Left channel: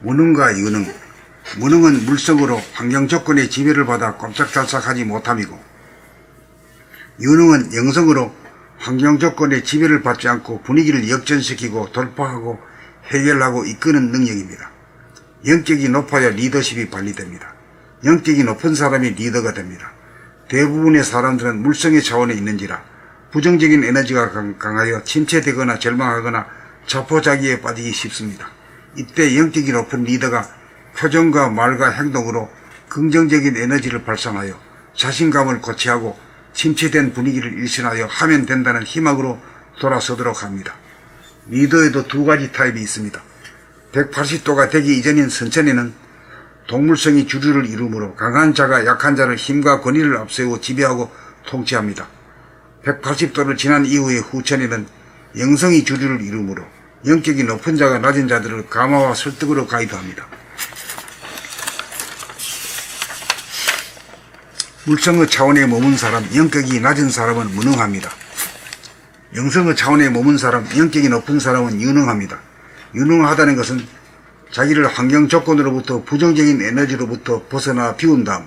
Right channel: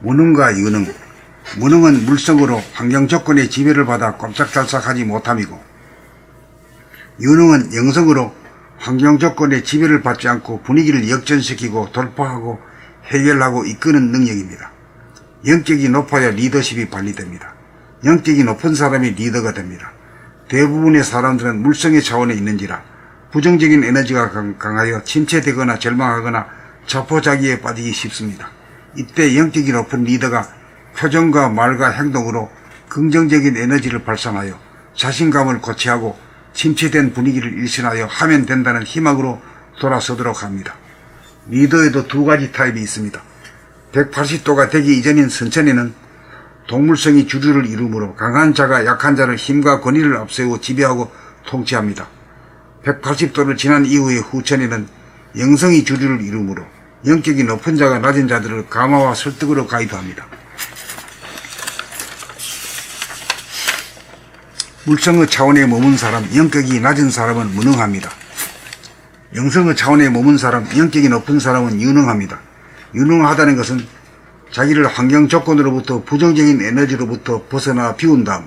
무능과 유능. 무능은 물성으로 환경 조건의 지배를 받아 꼼짝달싹하지 못함이고, 유능은 영성으로 환경 조건의 지배를 받지 않고 분위기를 역전시키고 돌파하고 해결하고 이끄는 능력입니다. 영격이 높아야 리더십이 발휘됩니다. 영격이 높은 사람이 리더가 됩니다. 대부분의 사람들은 물성의 차원에 있는지라 부정적인 에너지가 강하여 침체되거나 절망하거나 자포자기에 빠지기 쉽습니다. 이때 영격이 높은 리더가 표정과 말과 행동으로 긍정적인 에너지를 발산하여 자신감을 고취하고 침체된 분위기를 일신하여 하면 된다는 희망으로 돌아서도록 합니다. 리더에도 두 가지 타입이 있습니다. 180도가 되기 이전인 선천에는 동물성이 주류를 이루므로 강한 자가 약한 자를 힘과 권위를 앞세우고 지배하고 통치합니다. 180도를 지난 이후의 후천에는 영성이 주류를 이루므로 영격이 높은 자가 낮은 자들을 감화와 설득으로 가이드합니다. 물성의 차원에 머문 사람, 영격이 낮은 사람은 무능합니다. 영성의 차원에 머문 사람, 영격이 높은 사람은 유능합니다. 유능하다는 것은 자기를 환경 조건으로부터 부정적인 에너지로부터 벗어나 비운 다음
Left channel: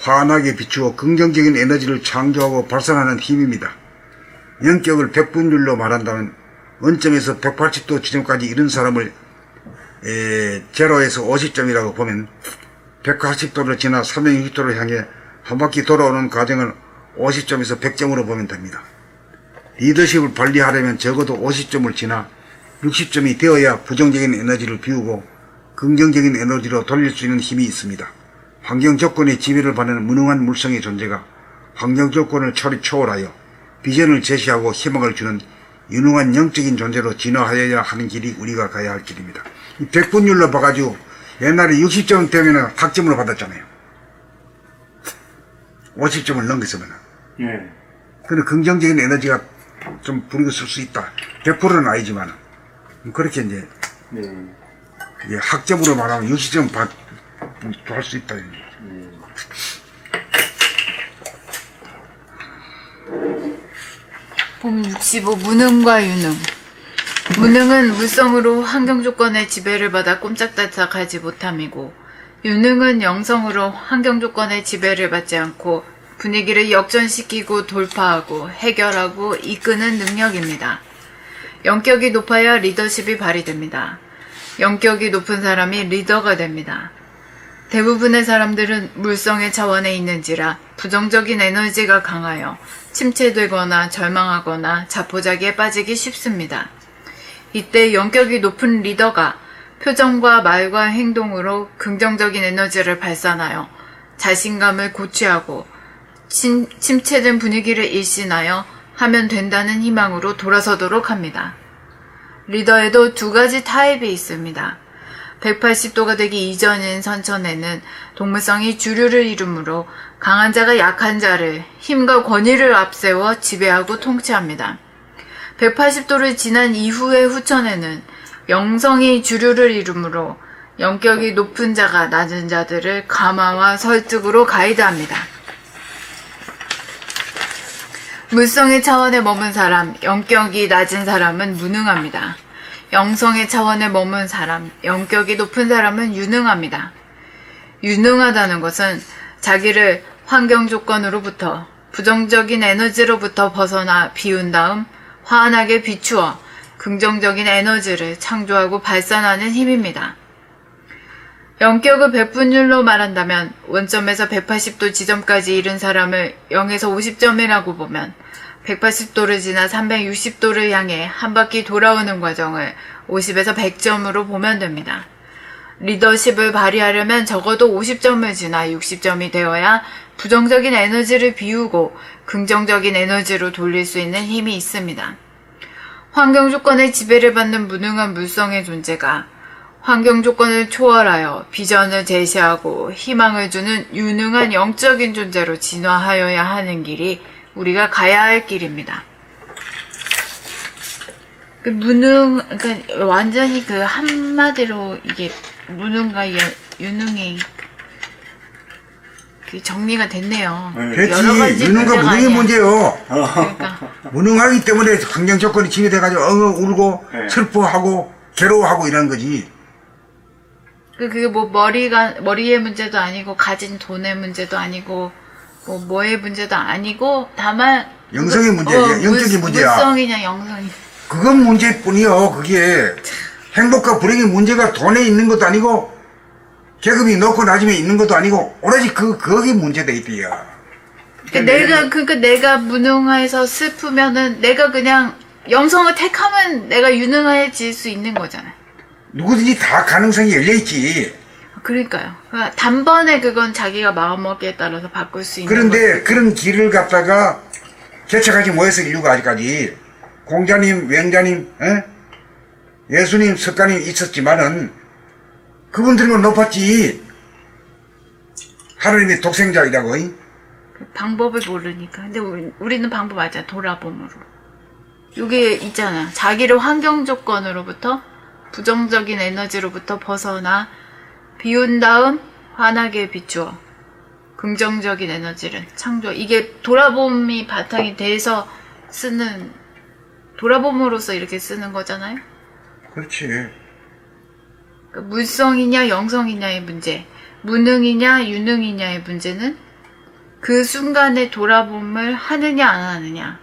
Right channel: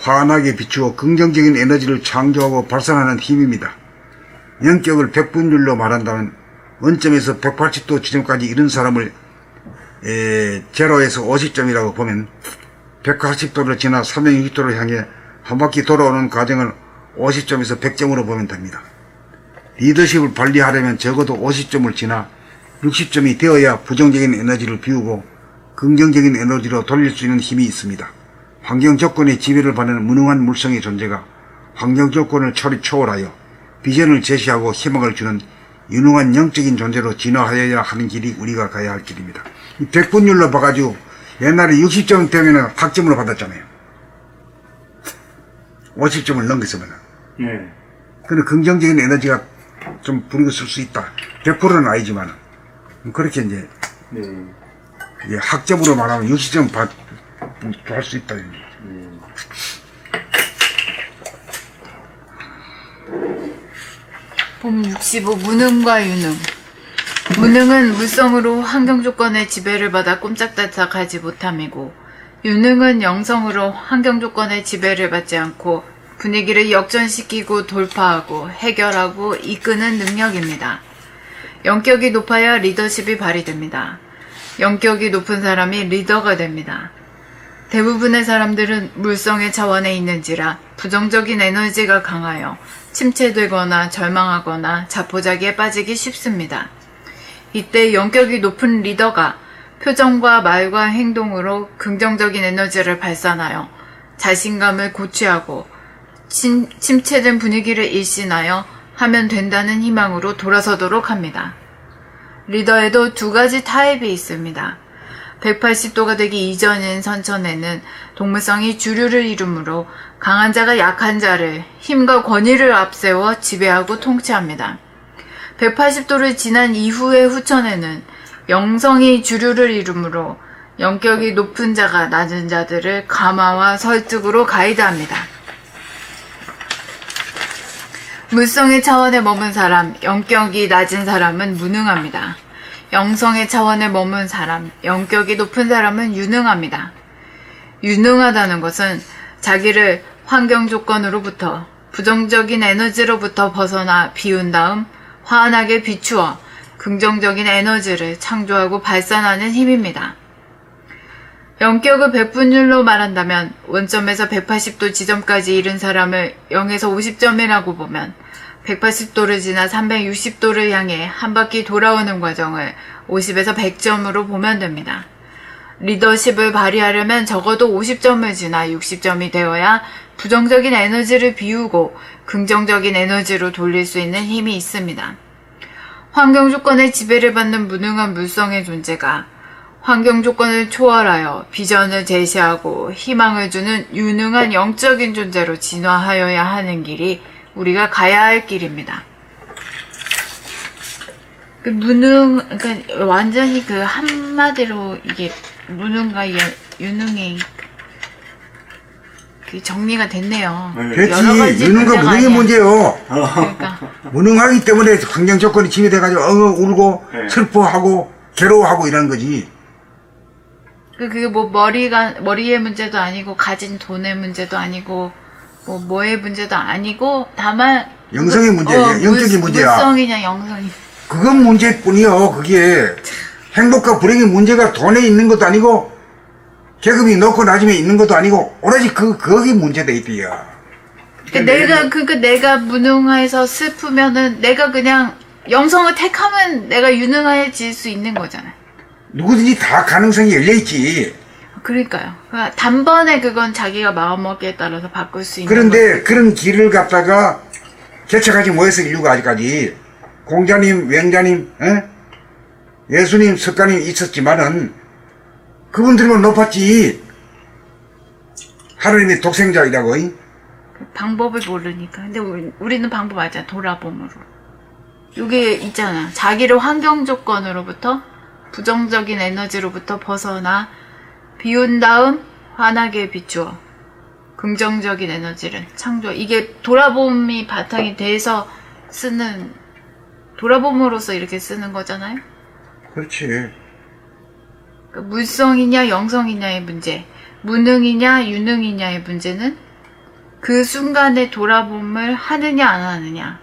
환하게 비추어 긍정적인 에너지를 창조하고 발산하는 힘입니다. 영격을 100분율로 말한다면 원점에서 180도 지점까지 이른 사람을 제로에서 50점이라고 보면 180도를 지나 360도를 향해 한 바퀴 돌아오는 과정을 50점에서 100점으로 보면 됩니다. 리더십을 발휘하려면 적어도 50점을 지나 60점이 되어야 부정적인 에너지를 비우고 긍정적인 에너지로 돌릴 수 있는 힘이 있습니다. 환경 조건의 지배를 받는 무능한 물성의 존재가 환경 조건을 초월하여 비전을 제시하고 희망을 주는 유능한 영적인 존재로 진화하여야 하는 길이 우리가 가야 할 길입니다. 100분율로 봐가지고 옛날에 60점 되면 학점으로 받았잖아요. 50점을 넘겼으면. 근데 긍정적인 에너지가 좀 부리고 쓸 수 있다. 100%는 아니지만. 그렇게 이제 학점으로 말하면 60점 할 수 있다. 봄 65 무능과 유능. 무능은 물성으로 환경 조건의 지배를 받아 꼼짝달싹하지 못함이고, 유능은 영성으로 환경 조건의 지배를 받지 않고 분위기를 역전시키고 돌파하고 해결하고 이끄는 능력입니다. 영격이 높아야 리더십이 발휘됩니다. 영격이 높은 사람이 리더가 됩니다. 대부분의 사람들은 물성의 차원에 있는지라 부정적인 에너지가 강하여 침체되거나 절망하거나 자포자기에 빠지기 쉽습니다. 이때 영격이 높은 리더가 표정과 말과 행동으로 긍정적인 에너지를 발산하여 자신감을 고취하고 침체된 분위기를 일신하여 하면 된다는 희망으로 돌아서도록 합니다. 리더에도 두 가지 타입이 있습니다. 180도가 되기 이전인 선천에는 동물성이 주류를 이루므로 강한 자가 약한 자를 힘과 권위를 앞세워 지배하고 통치합니다. 180도를 지난 이후의 후천에는 영성이 주류를 이루므로 영격이 높은 자가 낮은 자들을 감화와 설득으로 가이드합니다. 물성의 차원에 머문 사람, 영격이 낮은 사람은 무능합니다. 영성의 차원에 머문 사람, 영격이 높은 사람은 유능합니다. 유능하다는 것은 자기를 환경 조건으로부터 부정적인 에너지로부터 벗어나 비운 다음 환하게 비추어 긍정적인 에너지를 창조하고 발산하는 힘입니다. 영격을 100분율로 말한다면 원점에서 180도 지점까지 이른 사람을 0에서 50점이라고 보면 180도를 지나 360도를 향해 한 바퀴 돌아오는 과정을 50에서 100점으로 보면 됩니다. 리더십을 발휘하려면 적어도 50점을 지나 60점이 되어야 부정적인 에너지를 비우고 긍정적인 에너지로 돌릴 수 있는 힘이 있습니다. 환경 조건의 지배를 받는 무능한 물성의 존재가 환경 조건을 초월하여 비전을 제시하고 희망을 주는 유능한 영적인 존재로 진화하여야 하는 길이 우리가 가야 할 길입니다. 그러니까 완전히 그 한마디로 이게 무능과 유능이 정리가 됐네요. 그렇지. 유능과 무능의 문제요. 그러니까. 무능하기 때문에 환경 조건이 지배돼가지고 울고 슬퍼하고 괴로워하고 이러는 거지. 그게 뭐 머리의 문제도 아니고 가진 돈의 문제도 아니고 뭐의 문제도 아니고 다만 영성의 문제야. 영적인 문제야. 물성이냐 영성이냐. 그건 문제뿐이요. 그게 행복과 불행의 문제가 돈에 있는 것도 아니고 계급이 높고 낮음에 있는 것도 아니고 오로지 거기 문제다 이거야. 내가 무능해서 슬프면은 내가 그냥 영성을 택하면 내가 유능해질 수 있는 거잖아요. 누구든지 다 가능성이 열려있지. 그러니까요. 단번에 그건 자기가 마음먹기에 따라서 바꿀 수 있는 그런데 거죠. 그런 길을 갖다가 개척하지 못해서 인류가 아직까지 공자님, 왕자님, 예수님, 석가님 있었지만은 그분들은 높았지. 하느님의 독생자이라고. 방법을 모르니까. 근데 우리는 방법 알잖아. 돌아봄으로. 이게 있잖아. 자기를 환경 조건으로부터 부정적인 에너지로부터 벗어나 비운 다음 환하게 비추어 긍정적인 에너지를 창조. 이게 돌아봄이 바탕이 돼서 쓰는 돌아봄으로써 이렇게 쓰는 거잖아요. 그렇지. 그러니까 물성이냐 영성이냐의 문제, 무능이냐 유능이냐의 문제는 그 순간에 돌아봄을 하느냐 안 하느냐.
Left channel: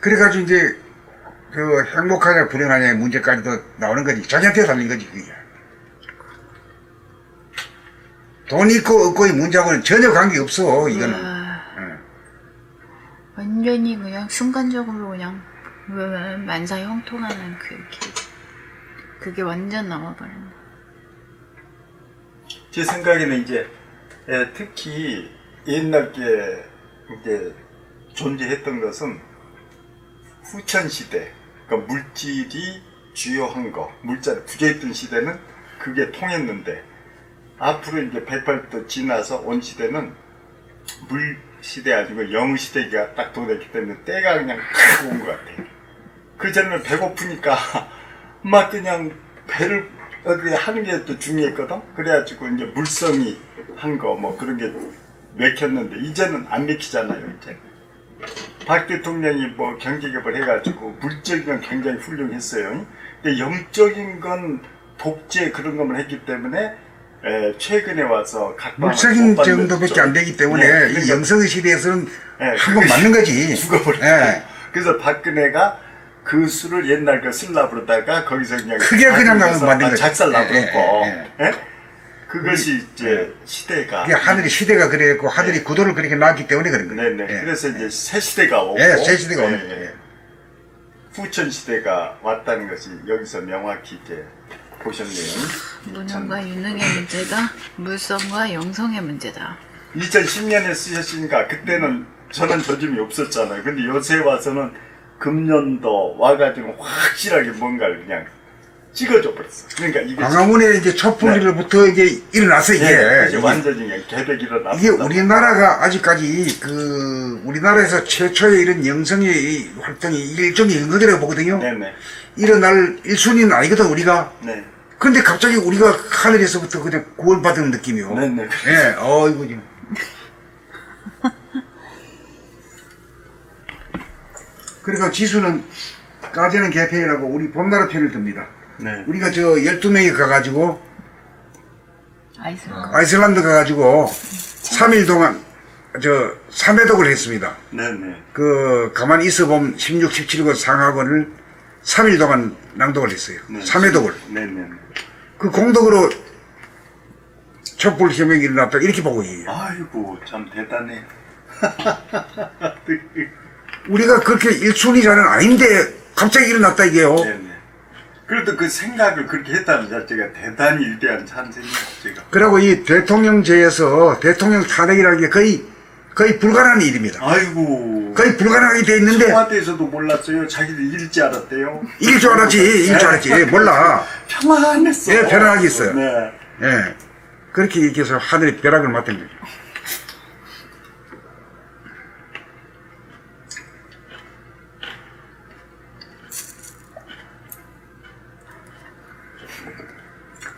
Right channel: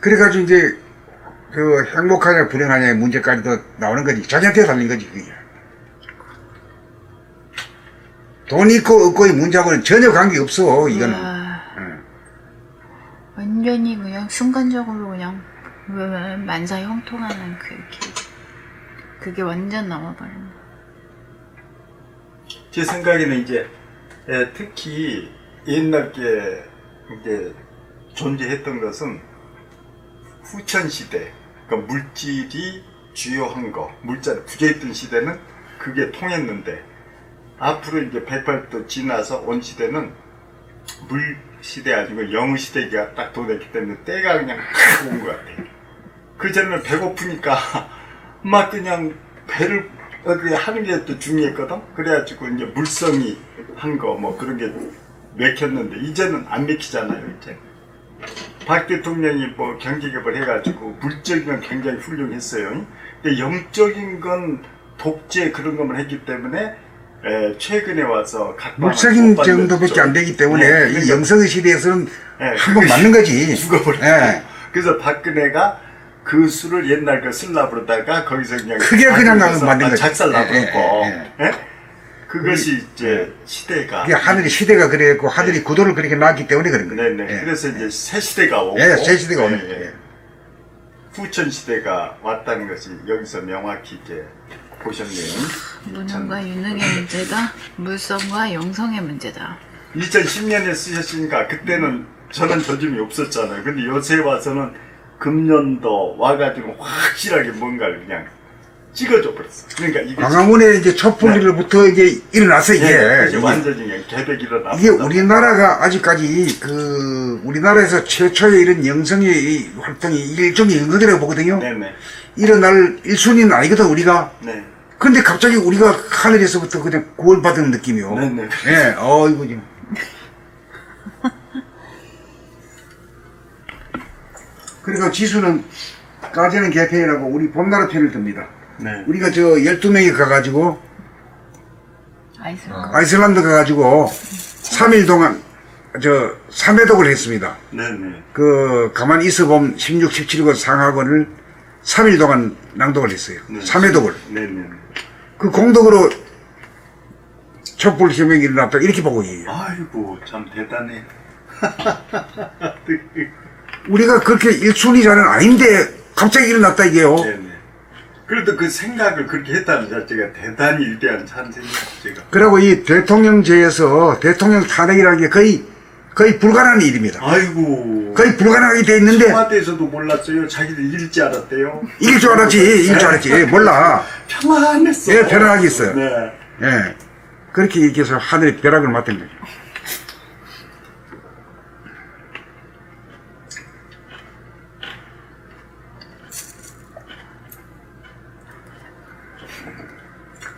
그래가지고 이제 그 행복하냐 불행하냐의 문제까지도 나오는 거지. 자기한테 달린 거지. 그게. 돈 있고 없고의 문제하고는 전혀 관계없어 이거는. 완전히 그냥 순간적으로 그냥 만사 형통하는 그게 완전 나와버렸네. 제 생각에는 이제 특히 옛날에 이제 존재했던 것은 후천시대, 그러니까 물질이 주요한 거, 물자가 부재했던 시대는 그게 통했는데 앞으로 이제 108도 지나서 온 시대는 물 시대 아니고 영 시대가 딱 도래했기 때문에 때가 그냥 딱 온 것 같아요. 그전에는 배고프니까 막 그냥 배를 어디 하는 게 또 중요했거든. 그래가지고 이제 물성이 한 거 뭐 그런 게 맥혔는데 이제는 안 맥히잖아요. 이제 박 대통령이 뭐 경제개발 해가지고 물적인 건 굉장히 훌륭했어요. 근데 영적인 건 독재 그런 것만 했기 때문에 최근에 와서 물적인 정도밖에 안 되기 때문에 이 영성의 시대에서는 한 번 맞는 거지. 죽어버렸고. 그래서 박근혜가 그 수를 옛날 그 쓸라 그러다가 거기서 그냥 만든 거지. 작살 나버렸고 그것이 이제 시대가 이게 하늘의 시대가 그랬고 하늘이 구도를 그렇게 놨기 때문에 그런 거예요. 네네. 그래서 이제 새 시대가 오고 새 시대가 오는 거예요. 후천 시대가 왔다는 것이 여기서 명확히 이제 보셨네요. 무능과 유능의 문제가 물성과 영성의 문제다. 2010년에 쓰셨으니까 그때는 저는 조짐이 없었잖아요. 근데 요새 와서는 금년도 와가지고 확실하게 뭔가를 그냥 찍어줘 버렸어. 그러니까 이게 광화문에 이제 촛불로부터 이제 일어나서 이제 완전히 그냥 개벽 일어났다. 이게 우리나라가 아직까지 우리나라에서 최초의 이런 영성의 활동이 일종의 연극이라고 보거든요. 네네. 일어날 일순위는 아니거든 우리가. 네. 근데 갑자기 우리가 하늘에서부터 그냥 구원받은 느낌이요. 네네. 이거 좀. 그래서 지수는 까지는 개편이라고 우리 봄나라 편을 듭니다. 네. 우리가 12명이 가가지고 아이슬란드 가가지고 3일 동안 3회독을 했습니다. 네네. 가만히 있어보면 16, 17권 상하권을 3일 동안 낭독을 했어요. 네. 3회독을. 네네. 그 공덕으로 촛불 혁명이 일어났다 이렇게 보고 있어요. 아이고 참 대단해. 우리가 그렇게 일순위자는 아닌데 갑자기 일어났다 이게요. 네네. 그래도 그 생각을 그렇게 했다는 자체가 대단히 위대한 찬생이야. 그리고 이 대통령제에서 대통령 탄핵이라는 게 거의 불가능한 일입니다. 아이고. 거의 불가능하게 돼 있는데 청와대에서도 몰랐어요. 자기들 이길 줄 알았대요. 이길 줄 알았지. 몰라. 편안했어. 네, 편안하게 있어요. 네. 네. 그렇게 이렇게 해서 하늘이 벼락을 맞던 거죠.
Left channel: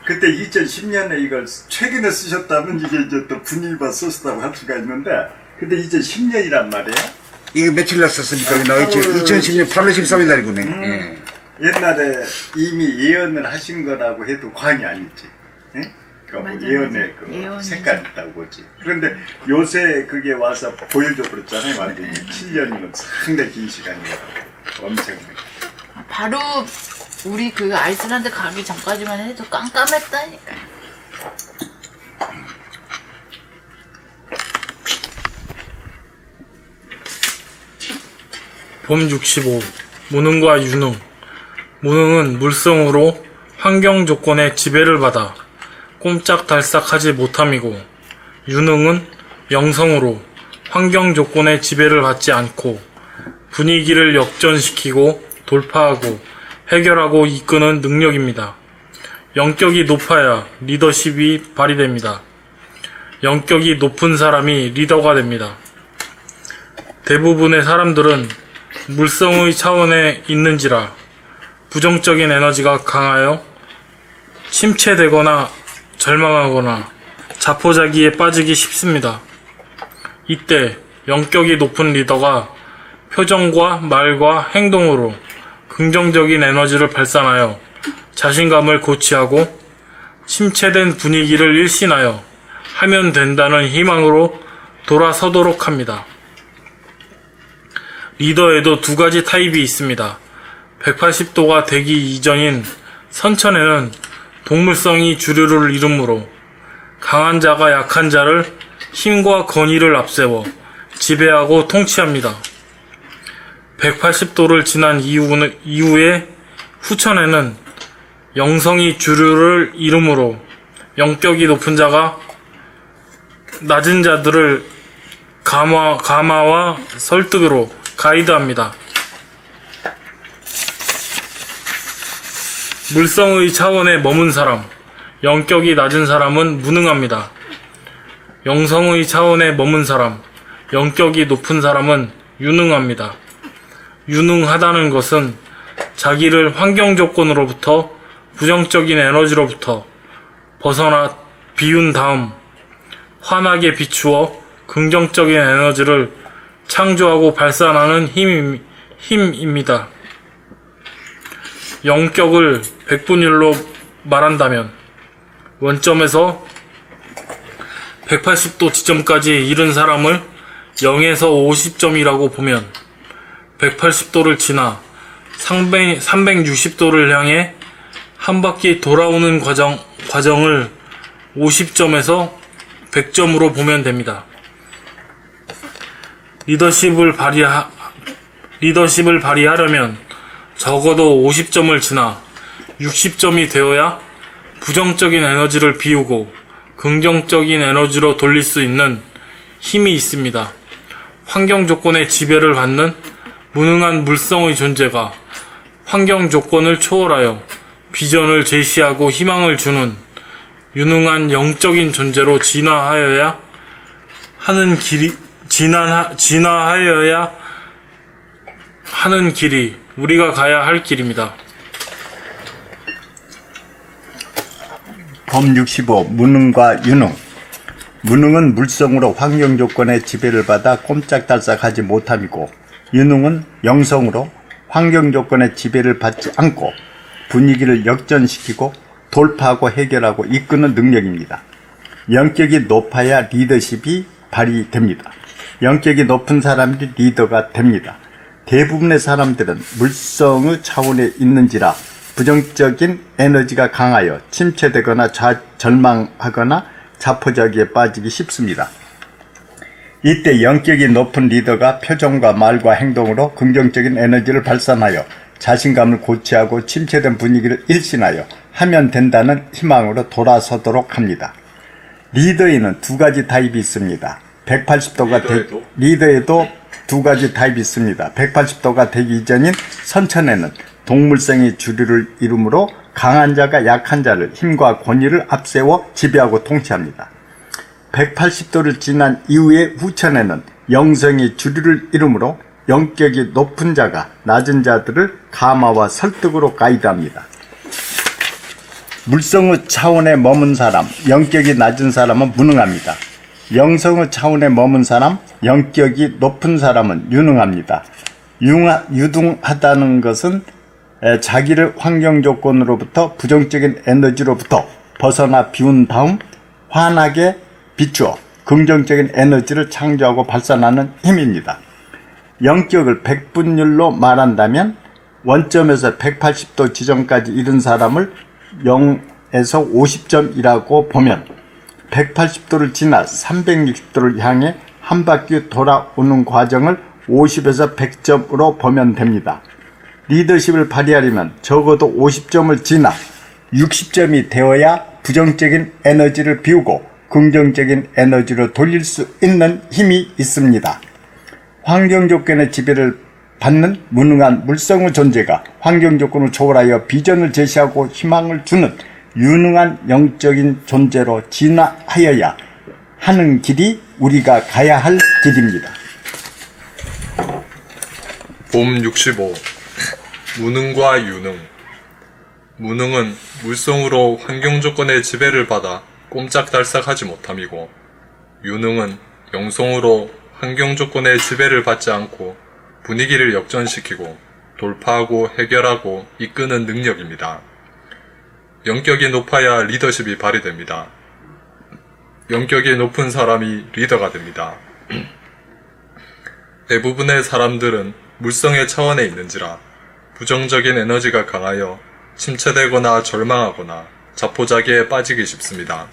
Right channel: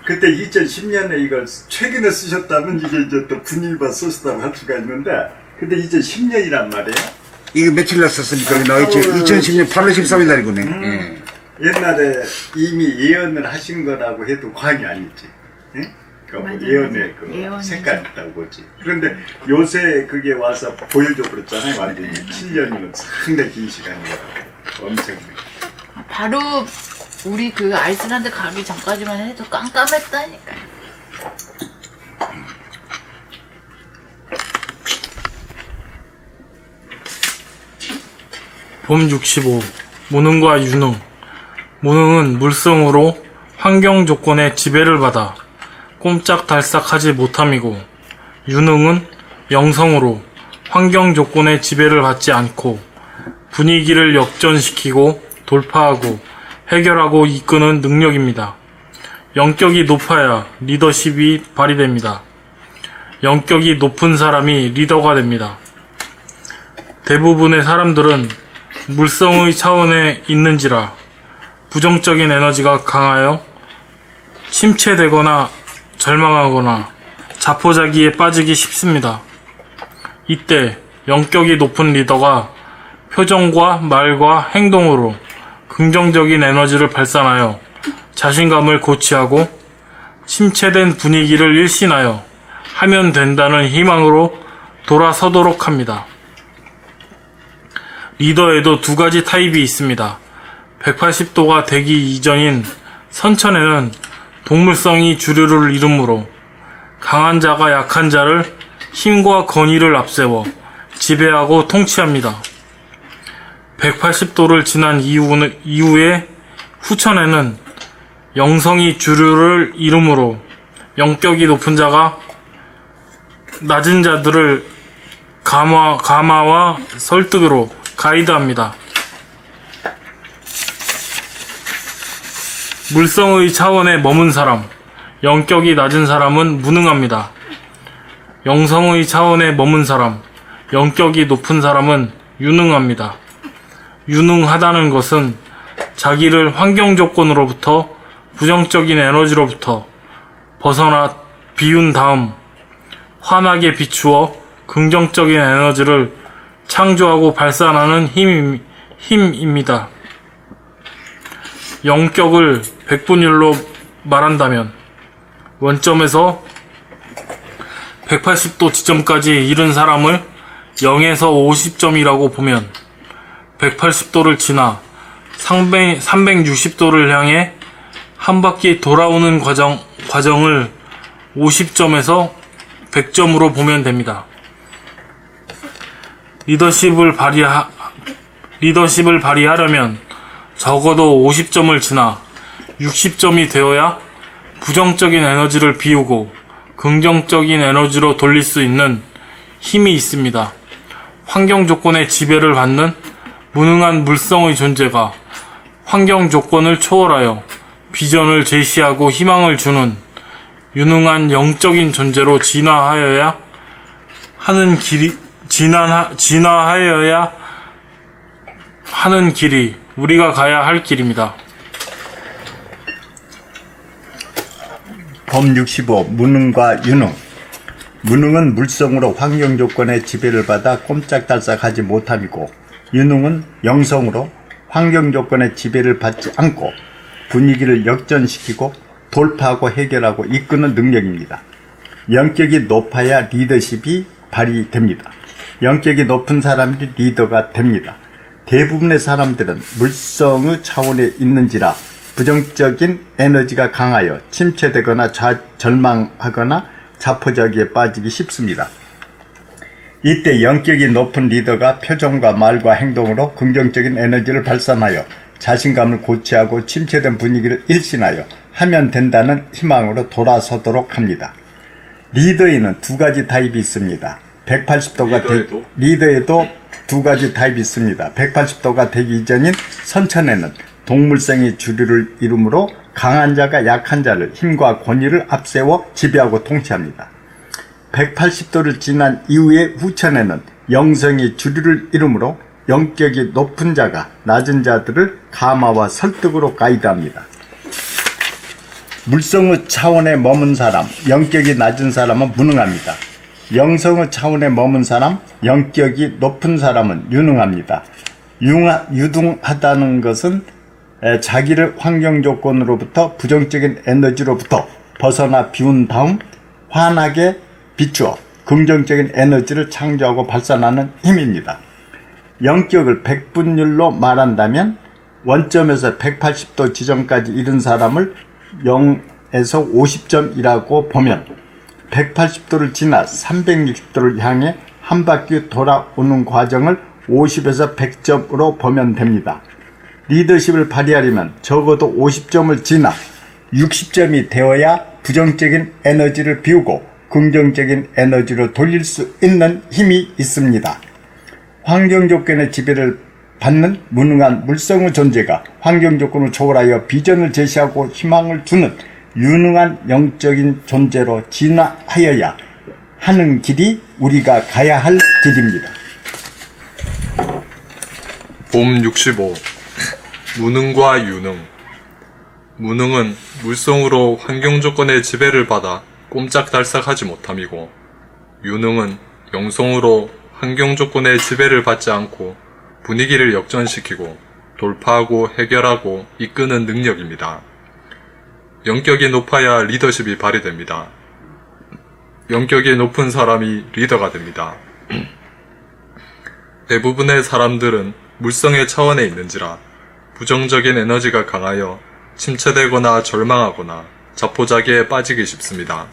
그때 2010년에 이걸 최근에 쓰셨다면 이게 이제 또 분위기가 썼다고 할 수가 있는데, 근데 2010년이란 말이에요. 이게 며칠 날 썼습니까? 2010년 8월 13일 날이군요. 옛날에 이미 예언을 하신 거라고 해도 과언이 아니지. 응? 그러니까 뭐 맞아, 예언의 맞아. 그 예언이지. 색깔이 있다고 보지. 그런데 요새 그게 와서 보일도 그렇잖아요. 완전히 7년이면 상당히 긴 시간이에요. 엄청. 바로 우리 그 아이슬란드 가기 전까지만 해도 깜깜했다니까. 봄 65. 무능과 유능. 무능은 물성으로 환경 조건의 지배를 받아 꼼짝달싹하지 못함이고, 유능은 영성으로 환경 조건의 지배를 받지 않고 분위기를 역전시키고 돌파하고 해결하고 이끄는 능력입니다. 영격이 높아야 리더십이 발휘됩니다. 영격이 높은 사람이 리더가 됩니다. 대부분의 사람들은 물성의 차원에 있는지라 부정적인 에너지가 강하여 침체되거나 절망하거나 자포자기에 빠지기 쉽습니다. 이때 영격이 높은 리더가 표정과 말과 행동으로 긍정적인 에너지를 발산하여 자신감을 고취하고 침체된 분위기를 일신하여 하면 된다는 희망으로 돌아서도록 합니다. 리더에도 두 가지 타입이 있습니다. 180도가 되기 이전인 선천에는 동물성이 주류를 이루므로 강한 자가 약한 자를 힘과 권위를 앞세워 지배하고 통치합니다. 180도를 지난 이후에 후천에는 영성이 주류를 이루므로 영격이 높은 자가 낮은 자들을 감화와 설득으로 가이드합니다. 물성의 차원에 머문 사람, 영격이 낮은 사람은 무능합니다. 영성의 차원에 머문 사람, 영격이 높은 사람은 유능합니다. 유능하다는 것은 자기를 환경 조건으로부터 부정적인 에너지로부터 벗어나 비운 다음 환하게 비추어 긍정적인 에너지를 창조하고 발산하는 힘입니다. 영격을 100분율로 말한다면 원점에서 180도 지점까지 이른 사람을 0에서 50점이라고 보면 180도를 지나 360도를 향해 한 바퀴 돌아오는 과정을 50점에서 100점으로 보면 됩니다. 리더십을 발휘하려면 적어도 50점을 지나 60점이 되어야 부정적인 에너지를 비우고 긍정적인 에너지로 돌릴 수 있는 힘이 있습니다. 환경 조건의 지배를 받는 무능한 물성의 존재가 환경 조건을 초월하여 비전을 제시하고 희망을 주는 유능한 영적인 존재로 진화하여야 하는 길이 우리가 가야 할 길입니다. 범 65. 무능과 유능. 무능은 물성으로 환경 조건의 지배를 받아 꼼짝달싹하지 못함이고, 유능은 영성으로 환경 조건의 지배를 받지 않고 분위기를 역전시키고 돌파하고 해결하고 이끄는 능력입니다. 영격이 높아야 리더십이 발휘됩니다. 영격이 높은 사람이 리더가 됩니다. 대부분의 사람들은 물성의 차원에 있는지라 부정적인 에너지가 강하여 침체되거나 절망하거나 자포자기에 빠지기 쉽습니다. 이때 영격이 높은 리더가 표정과 말과 행동으로 긍정적인 에너지를 발산하여 자신감을 고취하고 침체된 분위기를 일신하여 하면 된다는 희망으로 돌아서도록 합니다. 리더에는 두 가지 타입이 있습니다. 180도가 리더에도 두 가지 타입이 있습니다. 180도가 되기 이전인 선천에는 동물성이 주류를 이루므로 강한 자가 약한 자를 힘과 권위를 앞세워 지배하고 통치합니다. 180도를 지난 이후의 후천에는 영성이 주류를 이루므로 영격이 높은 자가 낮은 자들을 감화와 설득으로 가이드합니다. 물성의 차원에 머문 사람, 영격이 낮은 사람은 무능합니다. 영성의 차원에 머문 사람, 영격이 높은 사람은 유능합니다. 유능하다는 것은 자기를 환경 조건으로부터 부정적인 에너지로부터 벗어나 비운 다음 환하게 비추어 긍정적인 에너지를 창조하고 발산하는 힘입니다. 영격을 100분율로 말한다면 원점에서 180도 지점까지 이른 사람을 0에서 50점이라고 보면 180도를 지나 360도를 향해 한 바퀴 돌아오는 과정을 50에서 100점으로 보면 됩니다. 리더십을 발휘하려면 적어도 50점을 지나 60점이 되어야 부정적인 에너지를 비우고 긍정적인 에너지로 돌릴 수 있는 힘이 있습니다. 환경 조건의 지배를 받는 무능한 물성의 존재가 환경 조건을 초월하여 비전을 제시하고 희망을 주는 유능한 영적인 존재로 진화하여야 하는 길이 우리가 가야 할 길입니다. 봄 65. 무능과 유능. 무능은 물성으로 환경 조건의 지배를 받아 꼼짝달싹하지 못함이고, 유능은 영성으로 환경 조건의 지배를 받지 않고 분위기를 역전시키고 돌파하고 해결하고 이끄는 능력입니다. 영격이 높아야 리더십이 발휘됩니다. 영격이 높은 사람이 리더가 됩니다. 대부분의 사람들은 물성의 차원에 있는지라 부정적인 에너지가 강하여 침체되거나 절망하거나 자포자기에 빠지기 쉽습니다.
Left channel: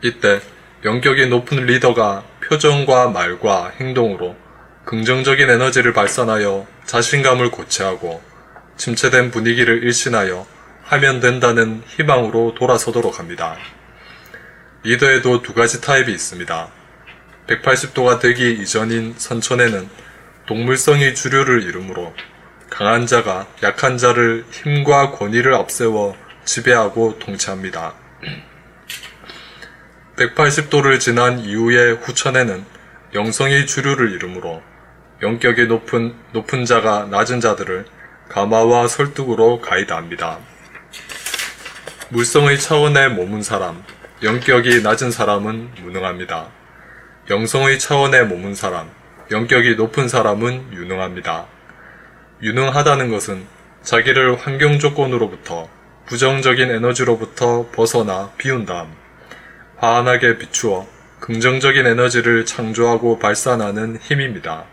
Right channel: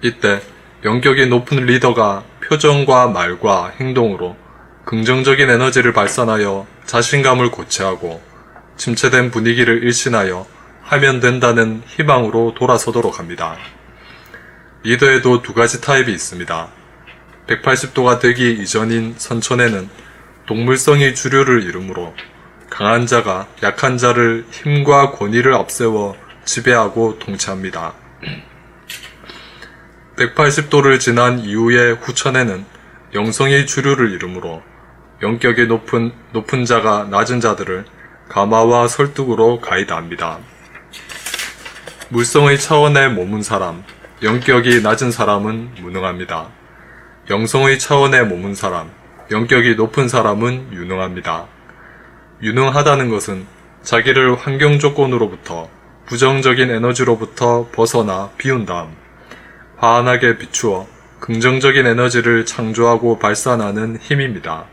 이때 영격이 높은 리더가 표정과 말과 행동으로 긍정적인 에너지를 발산하여 자신감을 고취하고 침체된 분위기를 일신하여 하면 된다는 희망으로 돌아서도록 합니다. 리더에도 두 가지 타입이 있습니다. 180도가 되기 이전인 선천에는 동물성이 주류를 이루므로 강한 자가 약한 자를 힘과 권위를 앞세워 지배하고 통치합니다. 180도를 지난 이후의 후천에는 영성이 주류를 이루므로 영격이 높은 자가 낮은 자들을 감화와 설득으로 가이드합니다. 물성의 차원에 머문 사람, 영격이 낮은 사람은 무능합니다. 영성의 차원에 머문 사람, 영격이 높은 사람은 유능합니다. 유능하다는 것은 자기를 환경 조건으로부터 부정적인 에너지로부터 벗어나 비운 다음 환하게 비추어 긍정적인 에너지를 창조하고 발산하는 힘입니다.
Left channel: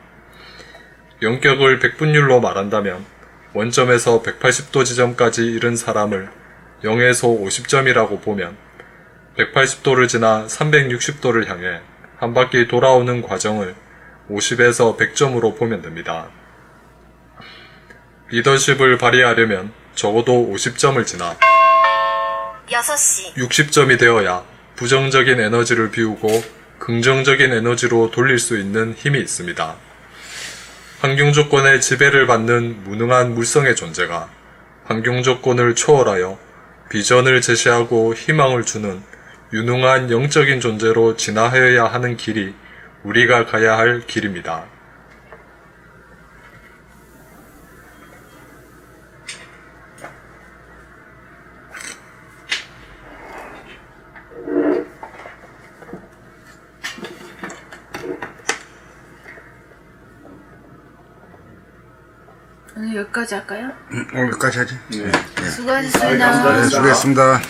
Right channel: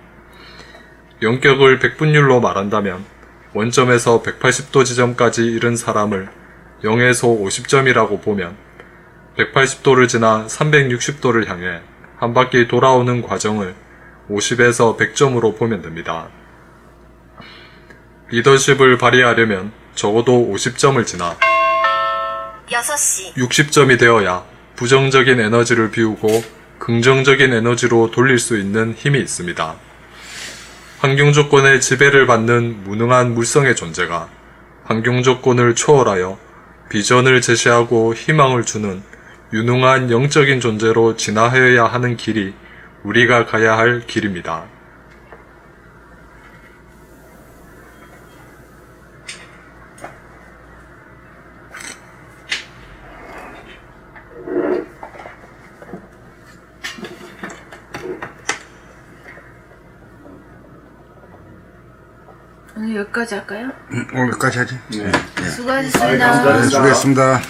영격을 100분율로 말한다면 원점에서 180도 지점까지 이른 사람을 0에서 50점이라고 보면 180도를 지나 360도를 향해 한 바퀴 돌아오는 과정을 50에서 100점으로 보면 됩니다. 리더십을 발휘하려면 적어도 50점을 지나 60점이 되어야 부정적인 에너지를 비우고 긍정적인 에너지로 돌릴 수 있는 힘이 있습니다. 환경 조건의 지배를 받는 무능한 물성의 존재가 환경 조건을 초월하여 비전을 제시하고 희망을 주는 유능한 영적인 존재로 진화하여야 하는 길이 우리가 가야 할 길입니다. 오늘 여기까지 할까요? 오늘까지 하죠. 네. 수고하셨습니다. 수고했습니다.